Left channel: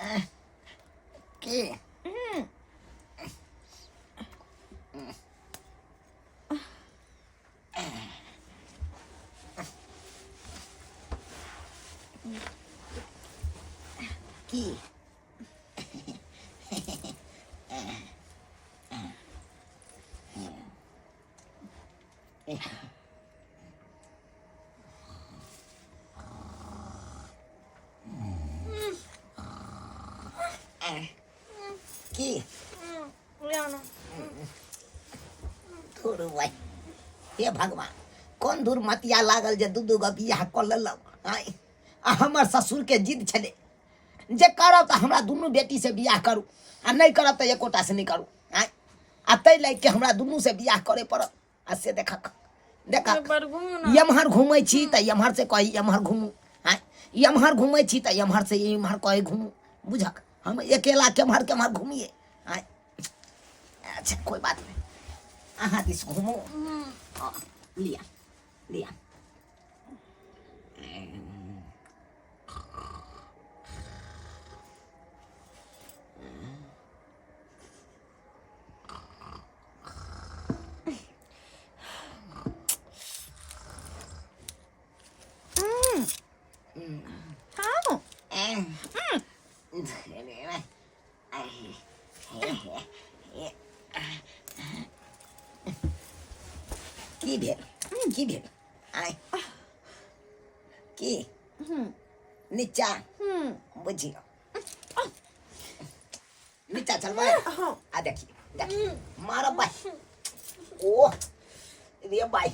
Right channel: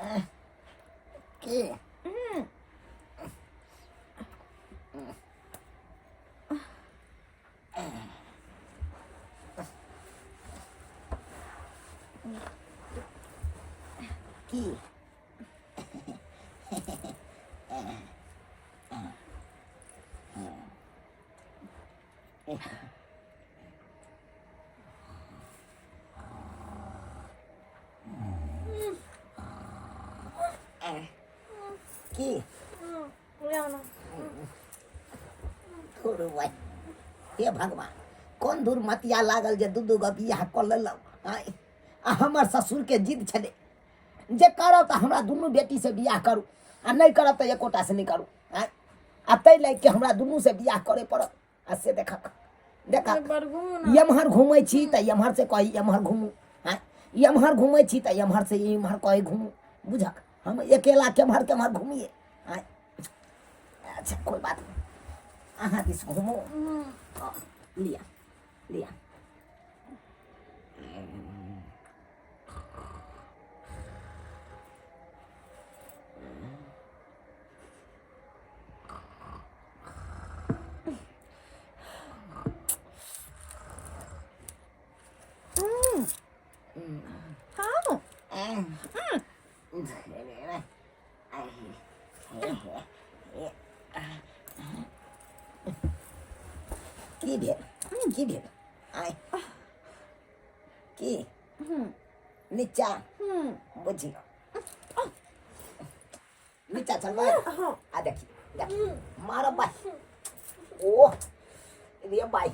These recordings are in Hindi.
के की की धुर भाई हे भगवान कौन धुर मतिया लागल जे दू गो बियाह क लेलक हमर ससुर के जिद छले जे करब त हमरा दुनू बेटी से बियाह करू आ नहीं करब त एकोटा से नहीं करू आ तै लाग के हमरा दुनू से बियाह करे पड़त आ से देखक यमहर घूमै छी त यमहर से कही यमहर घूमू यमहर घूमै छी त यमहर से यमहर कही घूमू बुझक हम अकेला केमहर घूमिए अच्छा कोई बात नहीं अहाँ दिस घूमो लिया लिया की भेल आय की नीचा बुझियो नीचा चलबै आ देखिए मारब भाई ओ रे भाई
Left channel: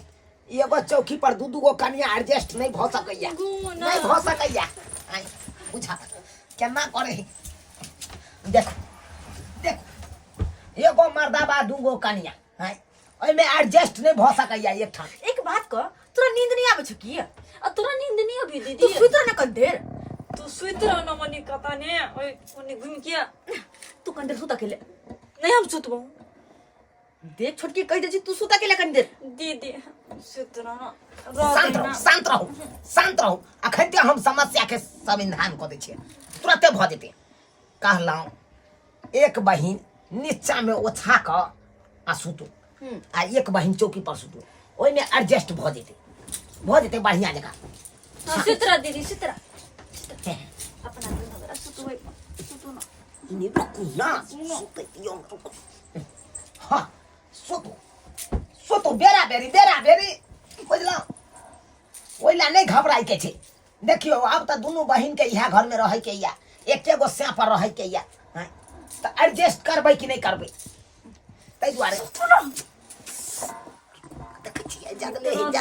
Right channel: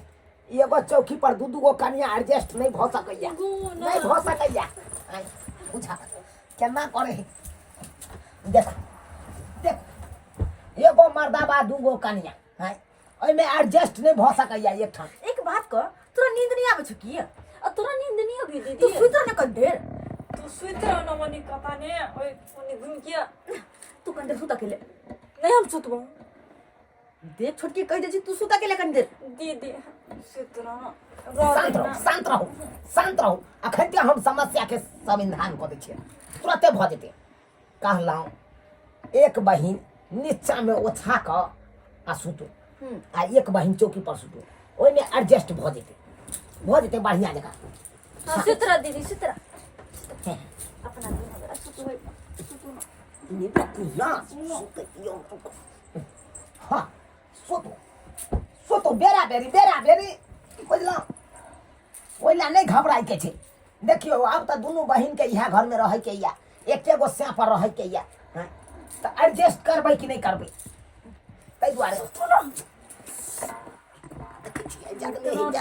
एगो चौकी पर दू गो कनिया एडजस्ट नहीं भ सकैया नहीं भ सकैया आय बुझा केना करे देख देख एगो मर्दा बा दू गो कनिया है ओइमे एडजस्ट नहीं भ सकैया एक ठाम एक बात क तोरा नींद नहीं आवे छ की आ तोरा नींद नहीं अभी दीदी तू सुत रह न कंदेर तू सुत रह न मनी कता ने ओए कोनी घुम के तू कंदेर सुत अकेले नहीं हम सुतबो देख छोटकी कह दे छी तू सुत अकेले कंदेर दीदी सुत रह न शांत रहो अखन हम समस्या के समाधान क दै छियै तुरंते भ जेतै कहलौ एक बहिन नीचा में ओछा क आ सुतो आ एक बहिन चौकी पर सुतो ओइ में एडजस्ट भ जेतै बढ़िया जगह सुत रह दीदी सुत रह अपना सुत होय सुतो न इने ना सुते यो हां सुतो बेरा बेरी बुझलौ ओइला नहीं घबराई के छै देखियो अब त दुनू बहिन के इहा घर में रहै के या एके गो स्या पर रहै के या त एडजस्ट करबै कि नहीं करबै तै दुआरे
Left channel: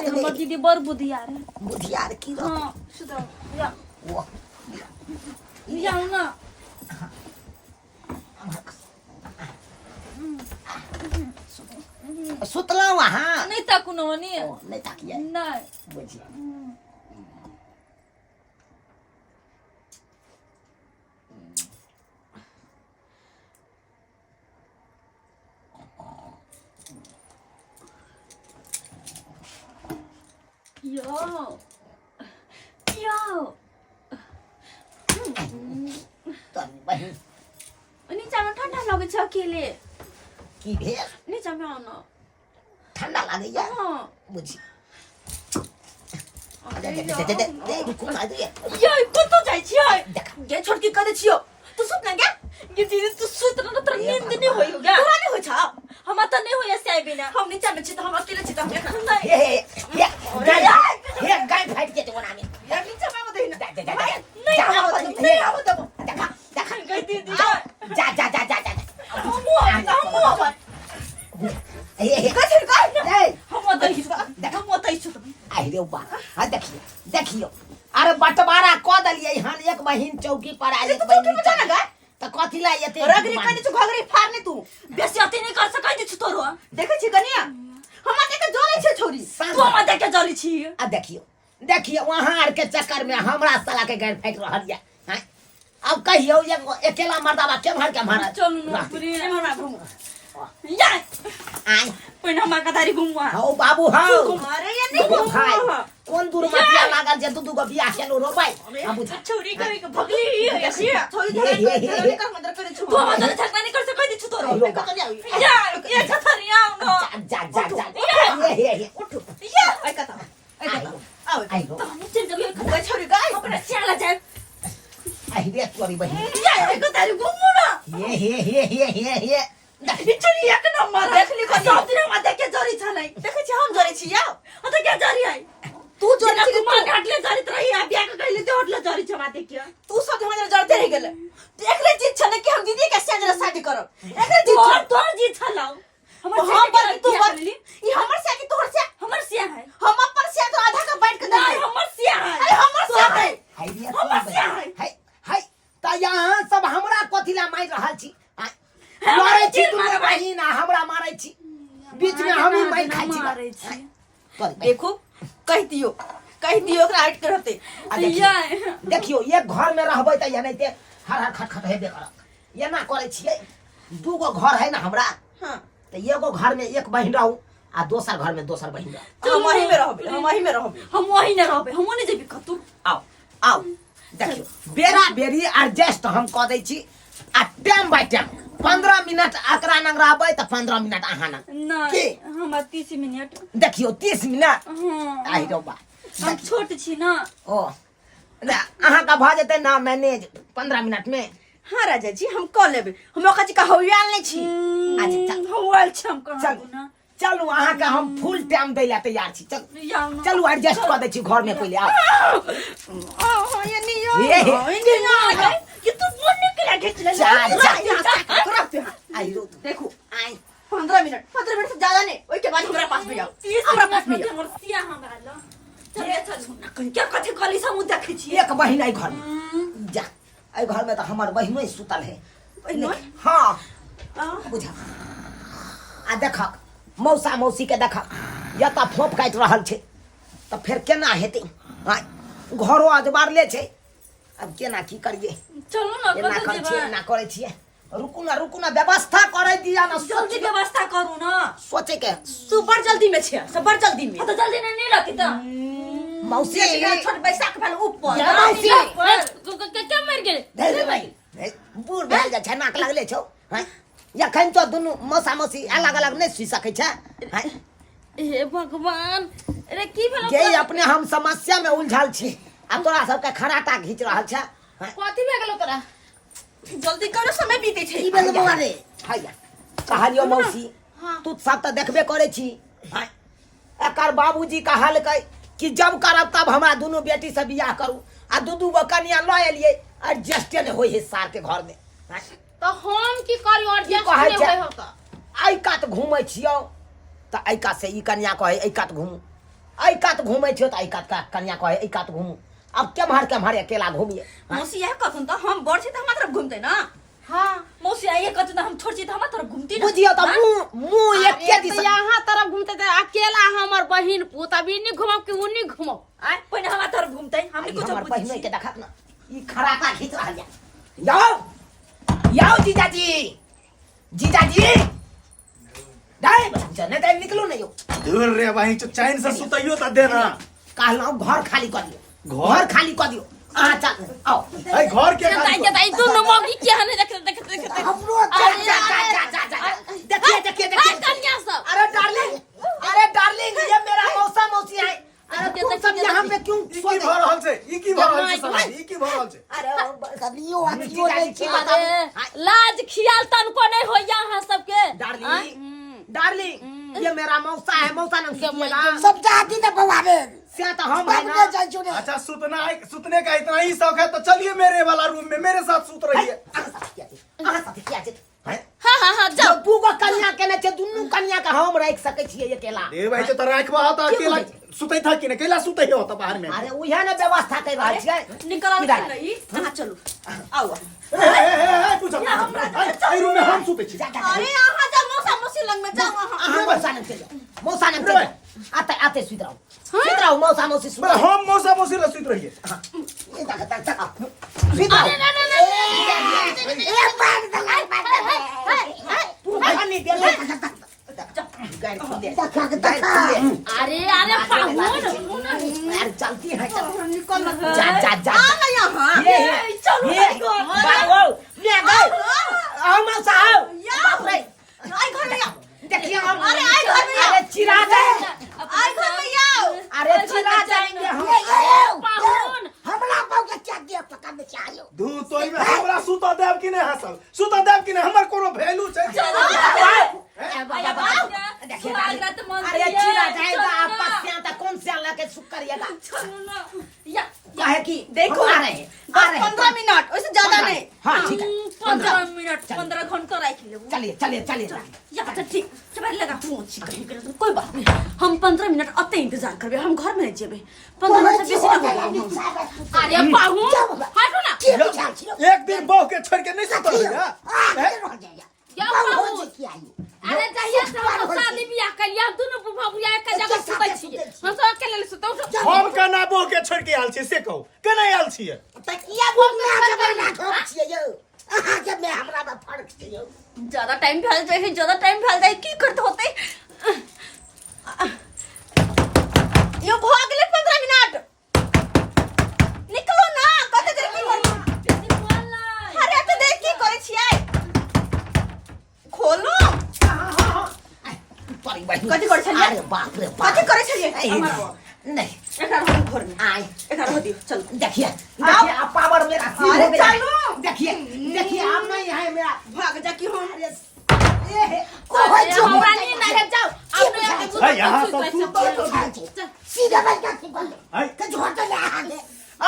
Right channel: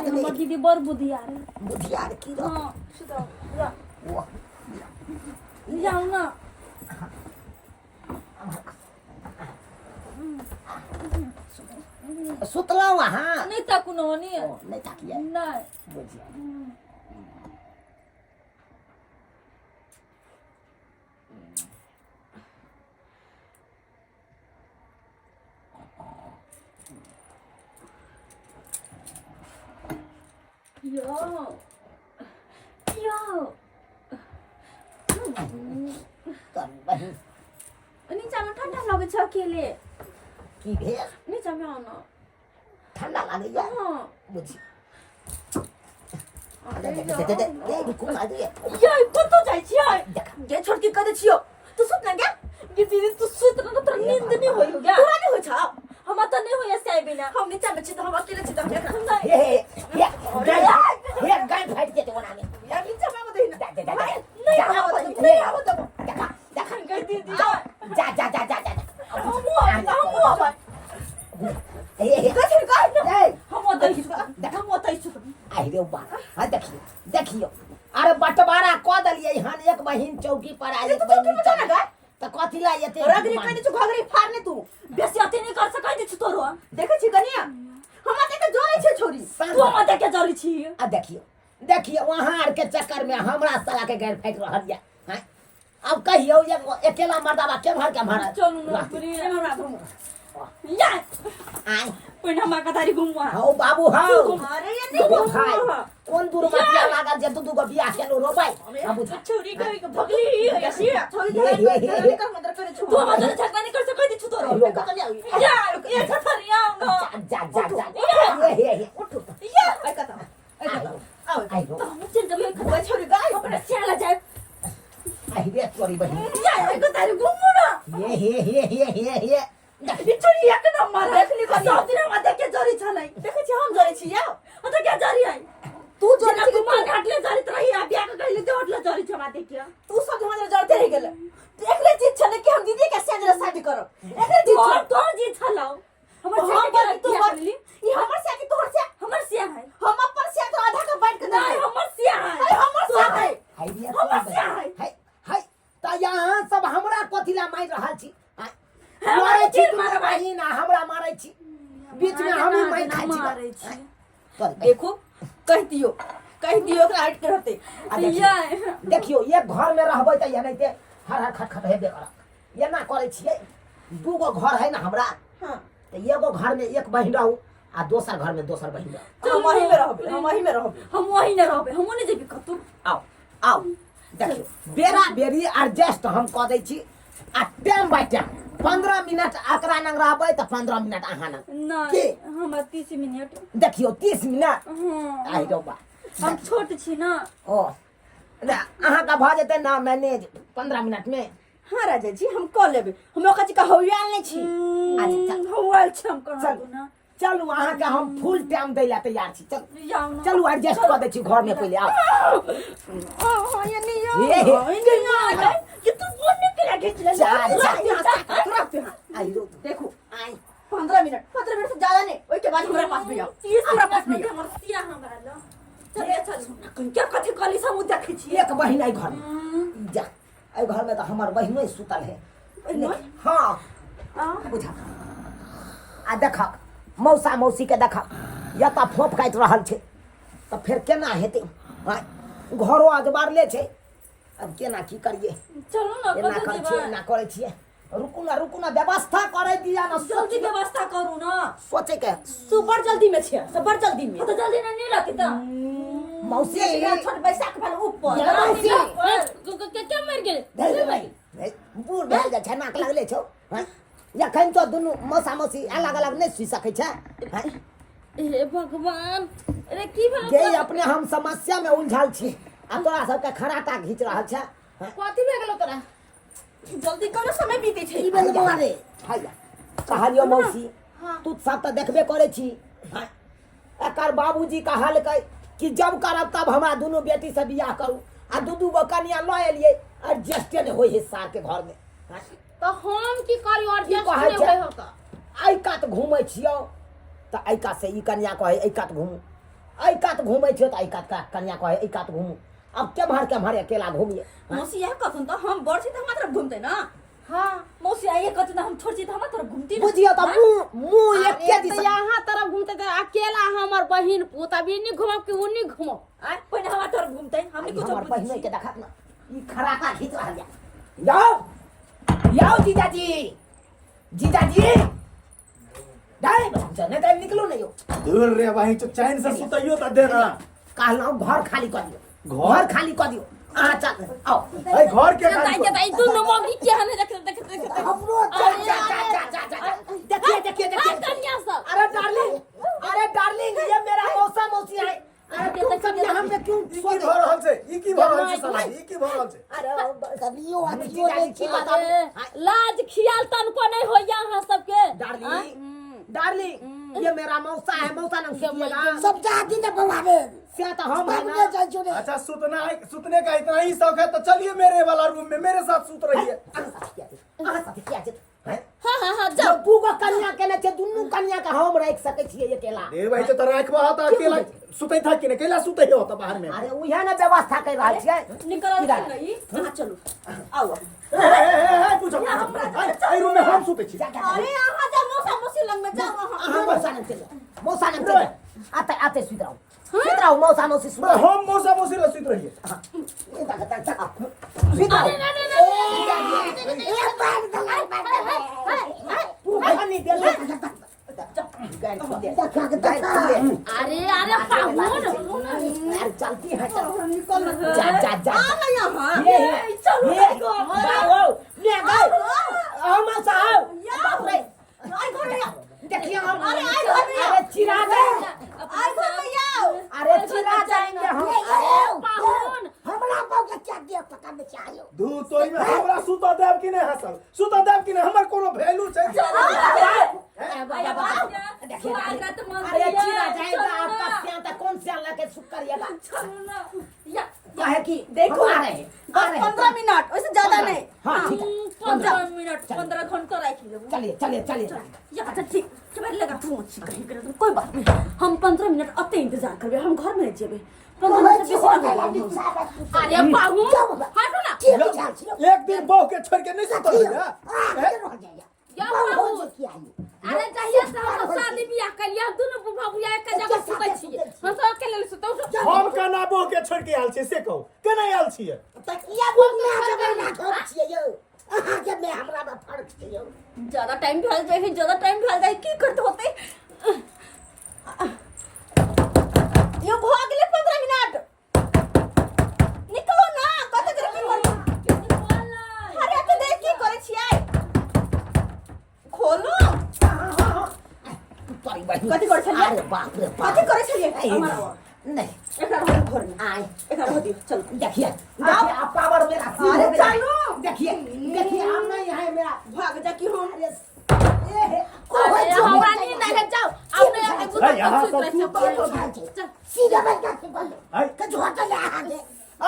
हमर दीदी बड़ बुधियार की रह हां सुत रह या वो या ना सुतलौ अहाँ नहीं ताकू न मनी नहीं ताकिया नहीं बुझिया यो तन बहिन नीचा में ठंडा लगे छ अकेले की भेल नीचा में आना ठंडा लागैया हां बुझी दे कोन आ दिए ये कतो जाय छियै देख ये छोटकी कह दे छियो तू सुत न क्या ये दीदी तू सुत न तोरा नींद नहीं होई होगा तोरा नहीं होय छ हम त नहीं होय से बिना हम नीचा में छी त हम अकेले छी त हम देखा हे गाय फाइट के तो नामे यार नीचा में बदई ना नहीं आव दबो देखा कह दीदी जा हम हे कथि कर हम दही देखा मोतै छु आई रे बा आ देखियो अरे बटवारा क दलिए हन एक बहिन चौकी पर आ एक बहिन नीचा ना त कथि ला एते रगरी कनि छु घगरी फाड़ने तू बेसी अति नहीं कर सकै छु तोरो देखे छी कनिया हम देखे जोरै छे छोरी तू हम देखे जरी छी आ देखियो वहां आर के चक्कर में हमरा साला के गैर फाइट रहल या अब कहियो अकेला मर्दावा के भर के मारा चलू न पूरी हमरा घुमो या आई पहिने हम कतारी घुमवा हो बाबू हाउ अरे ये नहीं देखो खाई घुमवा कोन दूर मतिया लागल जे दुदू को बियाह केलो रो भाई अब बुझा छोरी गई के भगली ये छोरी ये कर मत करे छु तो मत झगड़ा नहीं कर सकै दी छु तो अरे का नहीं आउ या ये छथरी आउ न जा ये उठ या आई कता आओ आई हो तो हम चल जब ये छोरी गई अपने स्याला जाए आई रे तोरी बहिनी या आई कतारी घुमु न ये बिचरी एक नंबर देखली को सब दिन हम देखे जरी छ नै देखे छी हम जरी छी या त के जरी आई तू जरी छी मान हटले जरी रही आ बिया के गइले ते हटले जरी छ माते के तू सब दिन जरते रह गेले एकले चीज छ ने कि हम दीदी के संजरा शादी करब एकले चीज छ तोर जी छ लाओ हमर से पर तू बोलली ई हमर से कि तोर से हमर से है हम अपन से तो आधा का बैठ के नहीं हमर से है अरे हमर से है हाय रे हाय हाय त यहाँ सब हमरा कथिला मार रहल छी मारै छी तू बहिन हमरा मारै छी बीच में हम ही मार खाइ छी मारै छी कर देखो कह दियो ओकरा हट के रहते देखियो एक घर में रहबै त एनाइते हर खटखट हेबे करत एना करै छियै दूगो घर है ना हमरा हां त एगो घर में एक बहिन रहू आ दोसर घर में दोसर बहिन रहू हम वही में रहबे हम वही में रहबे हम नहीं जेबी कतू आओ देखियो बेरा बेरी एडजस्ट हम क दै छी आ टाइम बाय टाइम 15 मिनट एकरा नंग रहबै त 15 मिनट अहाँ नंग नहीं हम 30 मिनट देखियो 30 मिनट हां आई रो बा हम छोट छी ना ओ ना अहाँ का भ जेतै ना मैनेज 15 मिनट में हां राजा जी हम क लेबे हम ओका का हौयाल नहीं छी अच्छा हौयाल छी हम कहां चल ना चलू अहाँ का हम फुल टाइम दै ला तैयार छी चल जाओ ना चलू एडजस्ट क दै छी घर में पहले आओ ये नहीं ये ये तू फोन निकला खींच ले आई रो देखो आई 15 मिनट से ज्यादा नहीं ओई के बाद हमरा पास भी आओ हमरा पास भी आओ मरसिया हमरा ल चल क्या कथे कली सम देखे छी एक बहिन आई घर में जा आई घर में तो हमर बहिनो सुतल है बहिनो? हां बुझा आ देखा मौसा मौसी के देखा या त फोप काट रहल छे त फिर केना हेतै घरो अजबारले छे अब केना की करिए चलू ना एना कतौ कर जेबा छे एना करे छिए रुकू ना व्यवस्था करे दिया ना जल्दी व्यवस्था करू ना सोचे के सुपर जल्दी में छे सुपर जल्दी में तो जल्दी नहीं रखी त मौसी छोट बैसाख भेल ऊपर या मौसी क्या मर गेल दे भाई बूढ़ भेल जा छे नाक लगले छौ या खन तो दुनु मौसा मौसी अलग अलग नहीं सुई सकै छे हे भगवान अरे की भेल जे अपने हम समस्या में उलझल छी आ तोरा सबके खराटा घीच रहल छे कथि भे गेलो तोरा जल्दी करो समय बीते छे की भेल बौआ रे हैया कहलियो मौसी तू सब त देखबे करे छी एकर बाबूजी कहलकै कि जब करब तब हमरा दोनों बेटी से बियाह करू आ दू गो कन्या ल एलिए एडजस्ट ने होई है सार के घर में तो हम की करियो एडजस्ट कहै नहीं छै? होय हो त आई कात घूमै छियो त आई कात से ई कन्या कहे आई कात घूमू आई कात घूमै छियो त आई कात का कन्या कहे आई कात घूमू अब केम्हर अकेला घूमिए मौसी यह कथन तो हम बड़ छी त हमरा तरफ घूमते ना हां मौसी ये कथन हम छोड़ छी त हमरा तरफ घूमती ना बुझियो त मुंह एक के दिस यहाँ तरफ घूमते थे अकेला हमर बहिन पुत अभी नहीं घुमब कि उन्हीं घुमब आय पहिने हमरा तरफ घूमते हमने कुछ हमर बुझी बहिन के देखत ना ई खराटा खींच रहल या याओ जीजाजी डाई जने डाई निकलो नहीं हो दूर रे भाई चैन से सुतइयो त दे ना कहलौ घर खाली कर दियो घर खाली कर दियो आ चल आओ ए घर के ताई दोनों मौगी क्या है देख हमरो जा देखिए कन्या सब अरे डार्लिंग ये मेरा मौसा मौसी है अरे तुम सब यहाँ पे क्यों ई की भ रहल छै ई की भ रहल छै साला ई की भ रहल छै अरे कबियो हम जीजाजी की बता लाज खियाल तनको नहीं हो यहाँ सबके डार्लिंग ये मेरा मौसा है मौसा नाम कीजिएगा सब जाती ने बवावे से तो हम है ना अच्छा सुतने का इतना ही शौक है तो चलिए मेरे वाला रूम में मेरे साथ सुत रहिए हाँ जाओ तू को कन्या केने छे दुन्नु कन्या का हम रख सकै छियै अकेला ए भाई तो राखबा त अकेला सुतै था कि ने कैला सुतै हो त बाहर में अरे उहे ने व्यवस्था कर रहल छियै निकल नहीं हां चलो आओ ए पूछो ए रूम में हम सुतै छी अरे यहां जा मौसा मौसी लंग में जाओ अहाँ मौसा ने चल मौसा ने चल आते सुत रहो मौसा मौसी सुत हम मौसा मौसी र सुत रहिए ये सुत रहो नहीं तू खानी दे ले अरे अरे पाहुन अरे चलती है चल निकल जा जा जा आ ना यहाँ ये चलो ये घर बाबू ले गए हम साहब बाप रे आई घर में आओ देखिए हम अरे आई घर में आओ अरे चिरा दे आई घर में आओ अरे चिरा जाएंगे हम पाहुन हमला पाऊ के क्या दिया पका में चाहिए धू तोई में हमरा सुता देव कि नहीं हसल सुता देव कि नहीं हमर कोनो वैल्यू छै स्वागत मंदिर अरे चिरा जाएगा आपका स्याता कौन से अल्लाह के शुक्र करिएगा चलो ना या काहे कि देखो आ रहे हैं 15 मिनट उससे ज्यादा नहीं हाँ ठीक है 15 मिनट 15 घंटा रख ले चलिए चलिए चलिए या अच्छा ठीक चबार लगा तू अच्छी कहीं कोई बात नहीं हम 15 मिनट अते इंतजार करबे हम घर में जेबे 15 मिनट से बेसी ना होगा अरे पाहुन हटो ना एक दिन बहू के छोड़ के नहीं सुतल भैया या पाहुन अरे चाहिए तो हम शादी बियाह कर लिया दोनों बुढ़ा बुढ़ा एक जगह सुतै छियै हम सब अकेले सुतौ हम केना बहू के छोड़ के आयल छी से कहू केना आयल छियै तकिया वो मैं जबर ना ठोक छियै यो अहाँ के मैं हमरा में फर्क छै यो ज्यादा टाइम भेल जाए ज्यादा टाइम भेल जाए की करते होते यो भाग ले 15 मिनट निकलो ना कते देर की करू अरे तो देख की करे छियै खोलो तोरी बहिन कथी करे छलियै अरे बाप रे बाप कथी करे छलियै नहीं एकरा हम घर में आए एकरा हो दियो चल देखिए देखिए आप पावर मेरा सिर अरे हो गया है। चलो। देखिए देखिए आप नहीं है मेरा भाग जा की हम अरे हमरा नींद आ जाओ आपने आके बुझ भाई यहाँ सब सुतल सीधा बैठ के बोल है के झोटा ले आगे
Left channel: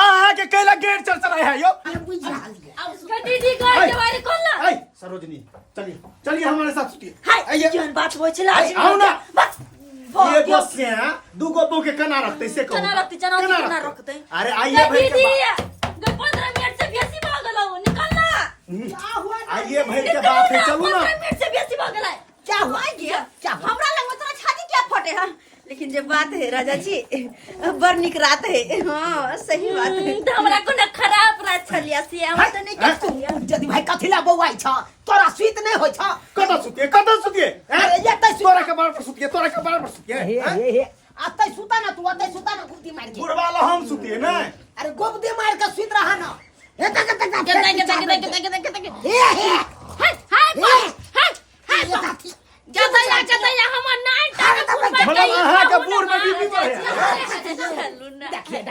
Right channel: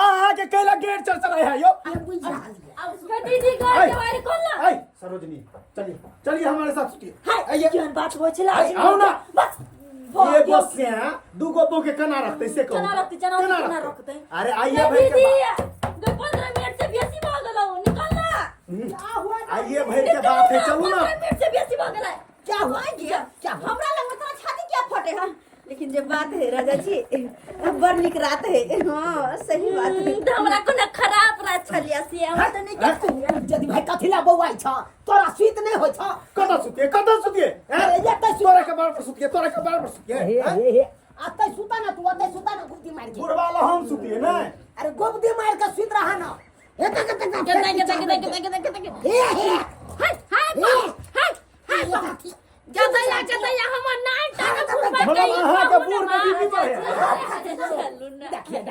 आ के कैला गेट चढ़ है यो अरे बुझ रहा है अब उसका दीदी घर के बारे खोल ना आई सरोजनी चलिए चलिए हमारे साथ सुतिए हाय आइए जन बात होय छला आई, आओ ना। बस ये बस से हैं दूगो बहू के केना रखते से कहू केना रखते, केना रखते? अरे आइए भाई दीदी के दो 15 मिनट से बेसी भाग गलो निकल ना बात आइए भाई के बात है चलू ना 15 मिनट से बेसी भाग गला क्या हुआ गया क्या हुआ हमरा लग में तोरा छाती क्या फटे हां लेकिन जे बात है राजा जी बड़ निक रात है हां सही बात है तो हमरा को ना खराब रात छलिया से हम तो नहीं हैं? कहते जदी भाई कथिला बौआई छ तोरा सुइत नहीं होय छ कतऽ सुतिए हैं? अरे ये तै तोरा के बार पर सुतिए तोरा के बार पर सुतिए हे हैं? हे हे अतै सुता ना तू अतै सुता ना गुप्ती मार के बुढ़वा ला हम सुतिए ना अरे गुप्ती मार के सुइत रहा ना हे तक तक के हे हे हाय हाय हाय जता या हम नाइन टाइम मतलब अहाँ के बूढ़ में बीबी बढ़े देखिए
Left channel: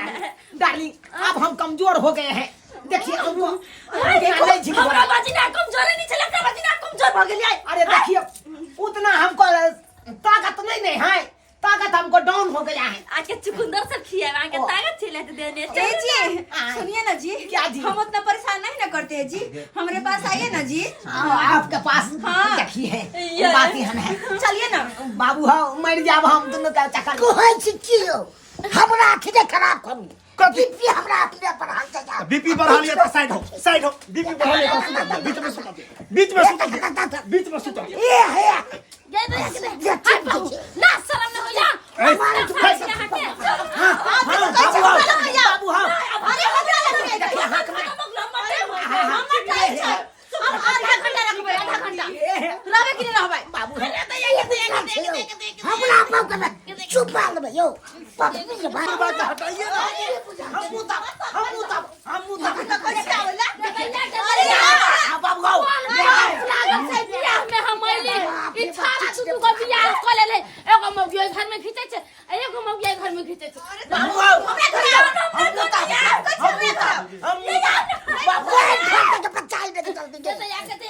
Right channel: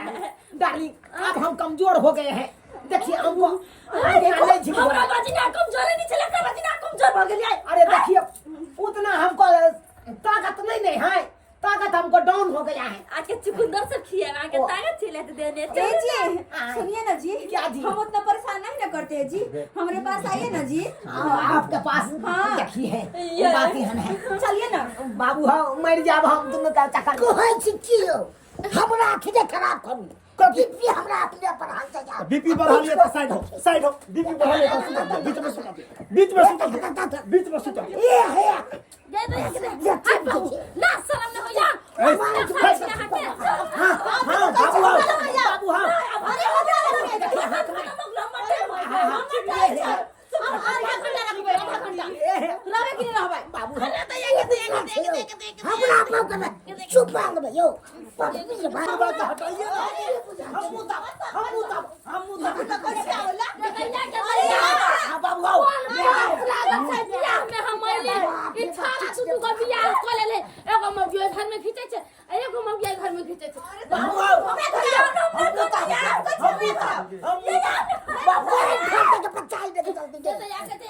डार्लिंग अब हम कमजोर हो गए हैं देखिए हमको नहीं झिक हमरा बाजिना कमजोर नहीं चला हमरा बाजिना कमजोर भ गेलियै अरे देखिए उतना हमको ताकत नहीं है ताकत हमको डाउन हो गया है आके चुकुंदर सब खिया आके ताकत छिले तो देने ए जी सुनिए ना जी क्या जी? हम उतना परेशान नहीं ना करते हैं जी हमारे पास आइए ना जी आपके पास हाँ। देखिए ये- बात ही है चलिए ना बाबू हम मर जाब हम दोनों का चक्कर कोई चिचियो हमरा आखिर खराब करू कथी? बीपी हमरा अपने पर हाल से जा बीपी बढ़ा लिए तो साइड हो बीपी बढ़ा लिए तो सुता दे, बीच में सुता दे, बीच में सुता दे। ए हे ये तो हाय बाबू ना शर्म न हो जा ए, हां बाबू बाबू हां अरे हमरा रहे के नहीं रहबै बाबू हमरा अपना कर चुप मार ले यो पत्नी के बात बात हटाइए ना हम मुता अरे यार बाबू आओ लागत से बियाह में हम आइले ई छाला तू को बियाह क लेले एगो मौगिया घर में खींचे छै एगो मौगिया घर में खींचे छै बाबू आओ हमरा तो यार कुछ नहीं बाबू खाते के बचाई दे जल्दी ये तो याके ते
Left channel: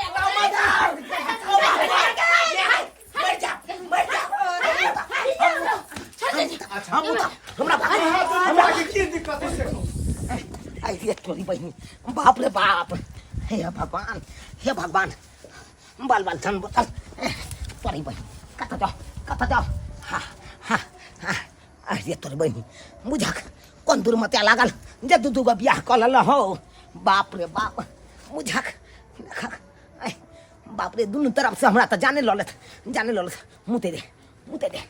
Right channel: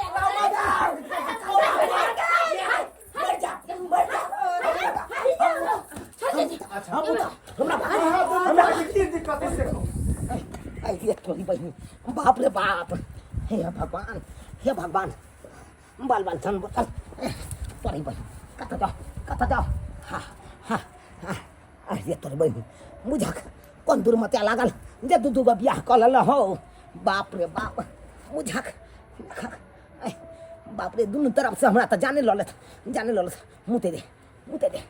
अच्छा हमरा के की दिक्कत है से आई ये तोरी बहन बाप रे बाप हे भगवान बाल बाल छन बोतल तोरी बहन कता जाओ हा हा आई ये तोरी बहन मुझक कौन दूर मत लागल जे दू दूगो बियाह क लल हो बाप रे बाप मुझक बाप रे दुनू तरफ से हमरा त जाने ललत मुते दे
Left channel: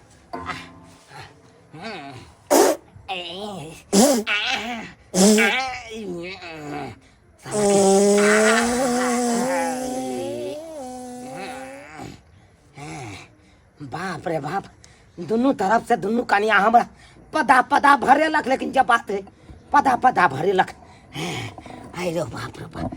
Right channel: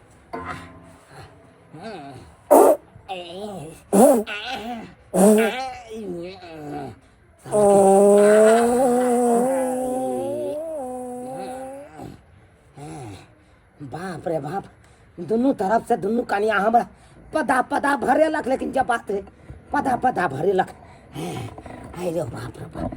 बाप रे बाप दोनों तरफ से दोनों कनिया हमरा पदा पदा भरेलक, लेकिन जब बात है पदा पदा भरेलक। आइ रे बाप रे बाप।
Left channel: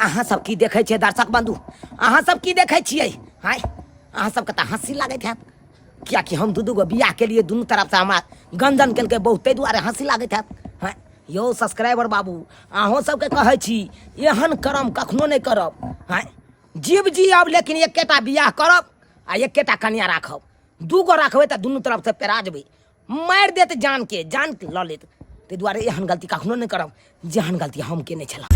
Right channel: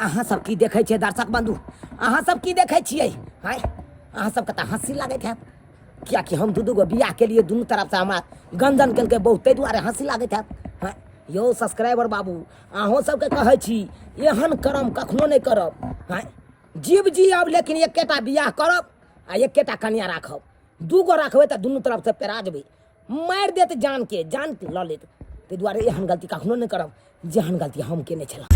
अहाँ सब की देखै छियै दर्शक बंधु, अहाँ सब की देखै छियै? हाय अहाँ सबके तऽ हँसी लागैत हैत, कियाकि हम दू गो बियाह के लिए दुनू तरफ से हमरा गंजन केलकै बहुत, ताहि दुआरे हँसी लागैत हैत। हाँ यौ सब्सक्राइबर बाबू, अहूँ सबके कहै छी एहन करम कखनो नहि करब। हाँ जीव जियब लेकिन एकेटा बियाह करब आ एकेटा कन्या राखब। दू गो रखबै तऽ दुनू तरफ से पेरा जेबै, मारि देत जान के लऽ लेत। ताहि दुआरे एहन गलती कखनो नहि करब जेहन गलती हम केने छलहुँ।